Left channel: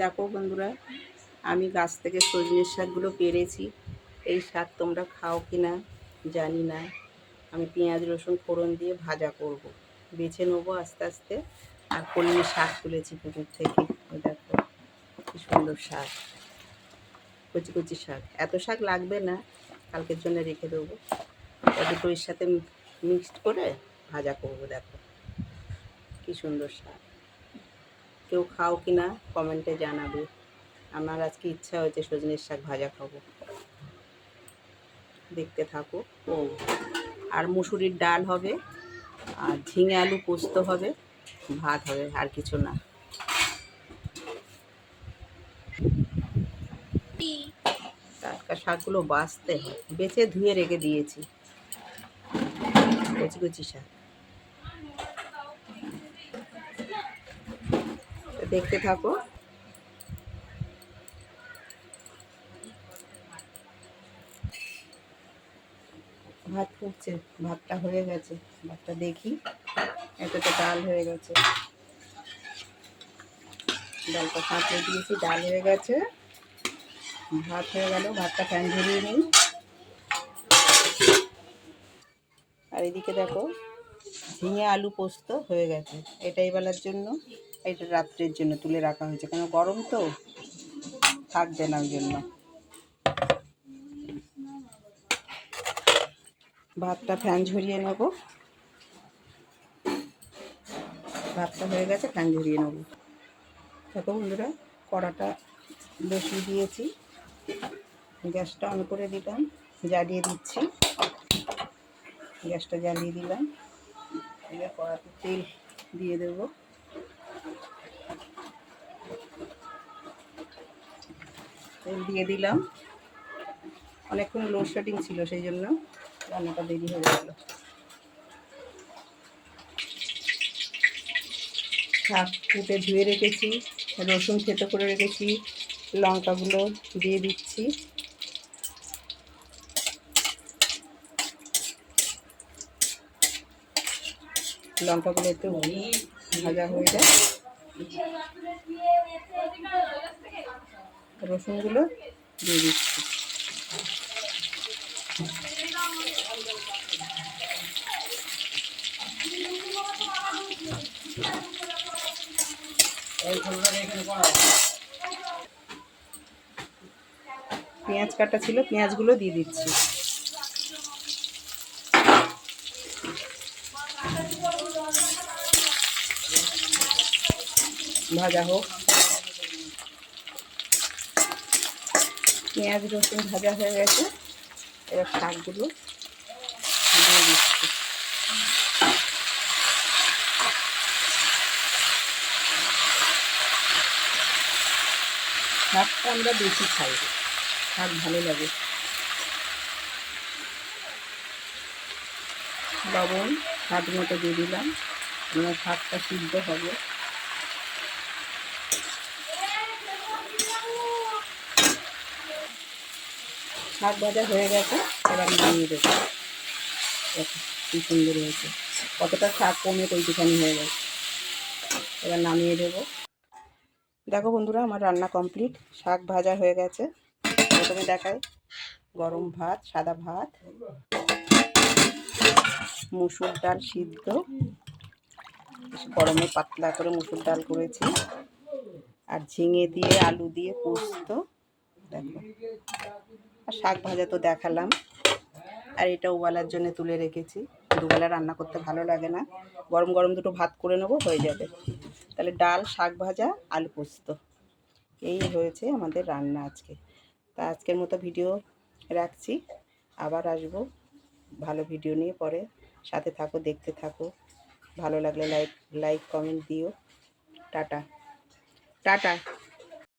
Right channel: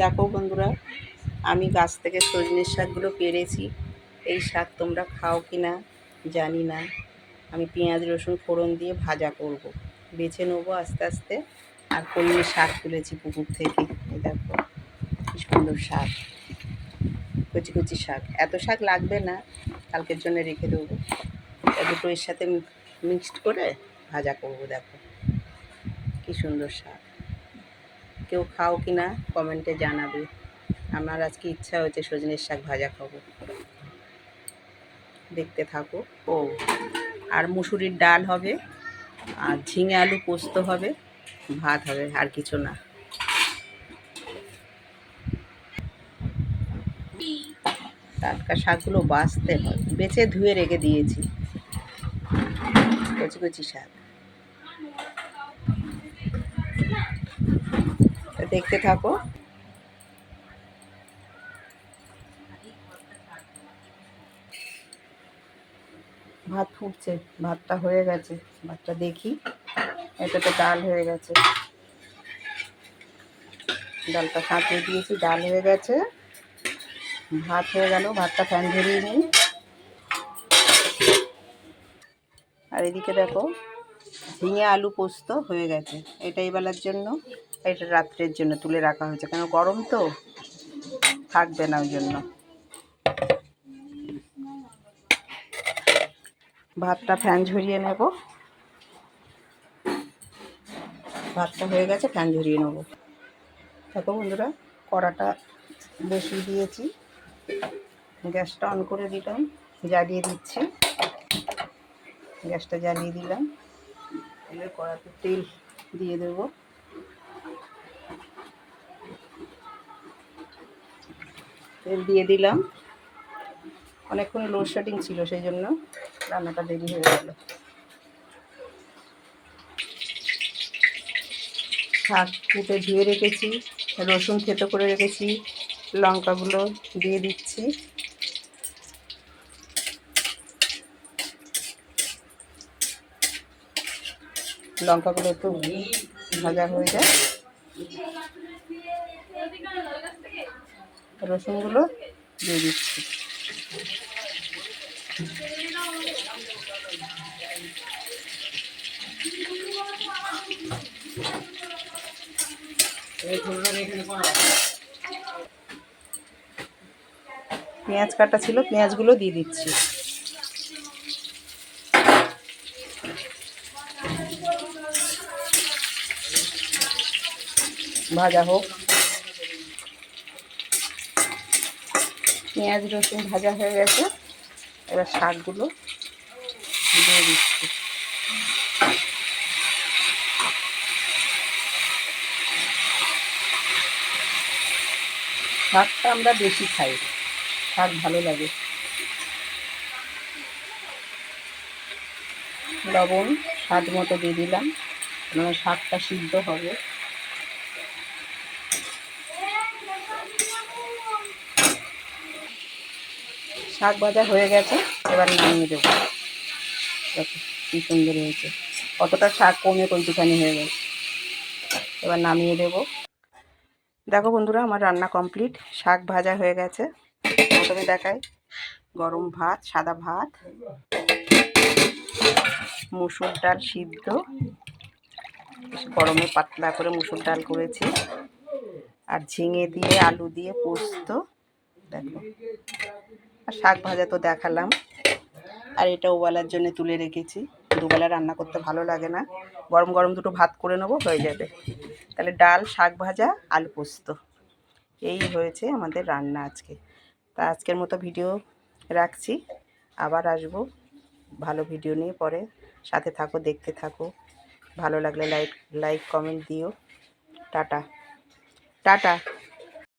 দেখো বন্ধুরা, আমি গাছ থেকে সজনের শাকগুলো পেরেছি। এই শাক তোমরা খাও কি না জানি না। আমি পেঁয়াজ রসুন ফোড়ন দিয়ে ভাজা করব, বেছে নেবো আস্তে আস্তে। আর কলমি শাক তুলেছি পুকুর থেকে। এই দেখো কি সুন্দর শাক, কচি কচি শাক। এত শাক লাগবে না, কালকের জন্য রেখে দেবো। দুটো এর সাথে মিক্সড করে ভাজা করব। দেখো কি সুন্দর শাক। কেউ খাও কি না কমেন্টে জানাবে। আমার আজকে ইচ্ছা হয়েছে সজনের শাক ভাজা খাবো। দেখতে থাকো। ও আর মুসুরির ডাল হবে, আর ঝিঙে আলু পোস্ত হবে, ভাত হবে, আর কিছু না। টাটকা শাকগুলো বাছতে হয়, বেছে ধুয়ে রেখে দিয়েছি। কচি কচি শাক, দেখতে থাকো। ভাত ফুটছে, ভাতটা হয়ে গেছে। ভাতটা দেখি, এটাতে ডাল হয়ে গেছে। ডালটা ফাটিয়ে দিয়েছি, ডাল হয়ে গেছে। ভাত হয়ে গেল, ভাতটা ফ্যান ঝরিয়ে নিই। আর এদিকে দেখো ঝিঙে আলু পোস্ত হয়ে গেছে। এটা এই বেলার জন্য, এটা রাত্রের জন্য তুলে রাখা হয়েছে, কেন গরম তো থাকবে না, ওই জন্য। ভাতটা ফ্যান ঝরিয়ে নেব। ভাতটা হয়ে গেছে, ফ্যান ঝরিয়ে নেব। দেখো বন্ধুরা, কড়াটা বসিয়ে দিয়েছি, গ্যাসটা অন করে দিলাম, জ্বালিয়ে দিচ্ছি। গ্যাসটা জ্বালিয়ে দিলাম। এবার কড়াতে তেল দিয়ে দেব। তেল দিয়ে দিলাম। অনেকক্ষণ লোডশেডিং ছিল, সেই জন্য রান্নাটা দেরি হয়ে গেল। শাক কুটে ধুয়ে রেখেছি, রসুন থেতো করে রেখেছি, লঙ্কাগুলো দিয়ে দিচ্ছি। লঙ্কাগুলো একটু ভাজা হয়ে যায়, রসুনগুলো দিয়ে দিচ্ছি। পেঁয়াজ কাটা ছিল, পেঁয়াজগুলো দিয়ে দিচ্ছি। ভাজা হোক। পেঁয়াজ রসুন ভাজা হয়ে গেছে, এবার শাকগুলো দিয়ে দিচ্ছি। শাকটা আমরা বেশি খাই, শাক ভালো লাগে। লবণ স্বাদ মতো দিয়ে দিলাম, মানে শাকটা সিদ্ধ হবে। শাক ভাজা হয়ে গেছে, এবার নামিয়ে দেবো। দেখো কী সুন্দর হয়েছে, কতটা শাক কমে কইটুখানি হয়ে গেছে। এবার নামিয়ে দেবো। দেখো বন্ধুরা, আমার রান্না কমপ্লিট। শাক ভাজা হয়ে গেছে। প্রথমে দেখাই, গরম ভাত, সাদা ভাত, মুসুর ডাল সিদ্ধ, গরমে পাতলা করে মুসুর ডাল করেছি, আর ঝিঙে দিয়ে আলু দিয়ে পোস্ত। দেখো, আর শাক ভাজা তো দেখালাম। আর এটা ওবেলার জন্য তুলে রেখেছি, দুবেলা রান্না করতে ভালো লাগে না, গরম গরম দুটো ভাত করে নেবো, হয়ে যাবে। তাহলে ডাল, শাক ভাজা, আলু পোস্ত, এই হয়েছে আমাদের রান্না আজকে। তা আজকের মতো ভিডিও রাখছি, আবার আসবো ভালো ভিডিও নিয়ে পরে। সাথে থাকো, দেখতে থাকো। ভালো লাগলে লাইক কমেন্ট দিও। Tata tata.